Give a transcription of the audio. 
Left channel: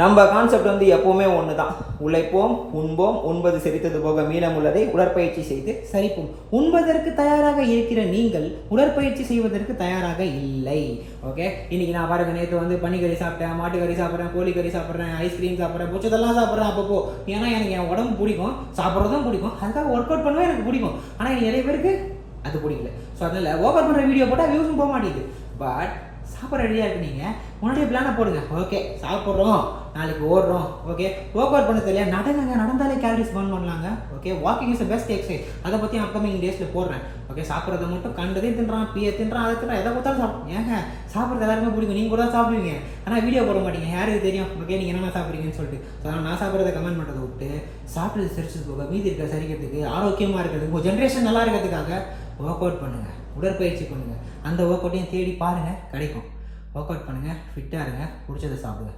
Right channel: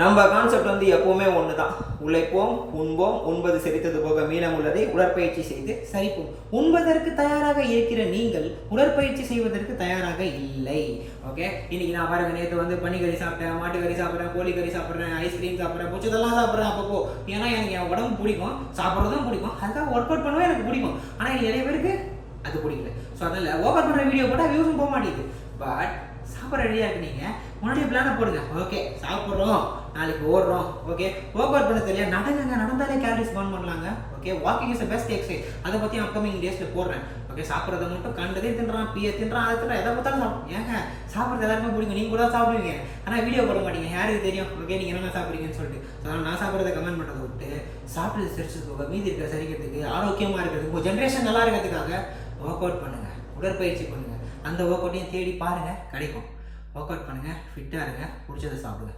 நம்ம கான்செப்ட் வந்து எப்பவுமே ஒன்று தான். உழைப்போம், உண்போம், உண்பது செரித்தது போக மீதம் உள்ளதை உடற்பயிற்சி செய்து சரிப்போம். உண்பதற்கு தயாராக இருக்கிற நீங்கள் உடற்பயிற்சி செய்வதற்கு தயாராக இல்லை. ஓகே, இன்னைக்கு நான் பாருங்க, நேற்று வந்து பனிக்கறி சாப்பிட்டேன், மாட்டுக்கறி சாப்பிட்றேன், கோழிக்கறி சாப்பிட்றேன், ஐஸ்கிரீம் சாப்பிட்றேன், புச்சதெல்லாம் சாப்பிட்றேன். அப்பப்போ ஏன்னா எனக்கு என் உடம்பு பிடிக்கும், சாப்பிட்றதும் பிடிக்கும், அதுக்காக ஒர்க் அவுட் பண்ணுவேன், எனக்கு பிடிக்கும். ஆனால் நிறைய பேருக்கு அது பிடிக்கல. ஸோ அதனால ஒர்க் அவுட் பண்ணுற வீடியோ போட்டால் வியூஸும் போக மாட்டேங்குது. பட் சாப்பிட்ற ரெடியாக இருக்கு. நீங்கள் முன்னாடியே பிளானை போடுங்க. ஓகே, சாப்பிட்றோம், நாளைக்கு ஓடுறோம். ஓகே, ஒர்க் அவுட் பண்ண தெரியல, நடந்தாலே கேலரிஸ் பர்ன் பண்ணலாங்க. Okay, walking is best exercise. அதை பற்றி அப்கமிங் டேஸில் போடுறேன். ஓகே, சாப்பிட்றத மட்டும் கண்டதையும் தின்றான், பிய தின்றான், அதை தின்றான், எதை பார்த்தாலும் சாப்பிடும். ஏங்க சாப்பிட்றது எல்லாருமே பிடிக்கும், நீங்கள் கூட சாப்பிடுவீங்க, ஆனால் வீடியோ போட மாட்டீங்க. யாருக்கு தெரியும் ஓகே நீங்கள் என்ன சாப்பிட்றீங்கன்னு சொல்லிட்டு. ஸோ அதனால் நான் சாப்பிட்றத கமெண்ட் பண்ணுறதை விட்டு சாப்பிட்றது சரிச்சது போக மீதி இருக்கிற சரிக்கிறதுக்கு, ஆரோக்கியமாக இருக்கிறதுக்கு, உங்கள் ஜென்ரேஷன் நல்லா இருக்கிறதுக்காக ஒர்க் அவுட் பண்ணுங்க, உடற்பயிற்சி பண்ணுங்க. அந்த ஒர்க் அவுட்டையும் தேடி பாருங்க, கிடைக்கும். ஒர்க் அவுட் பண்ணுங்க, ஃபிட்டாக இருங்க, பிடிச்சதை சாப்பிடுங்க.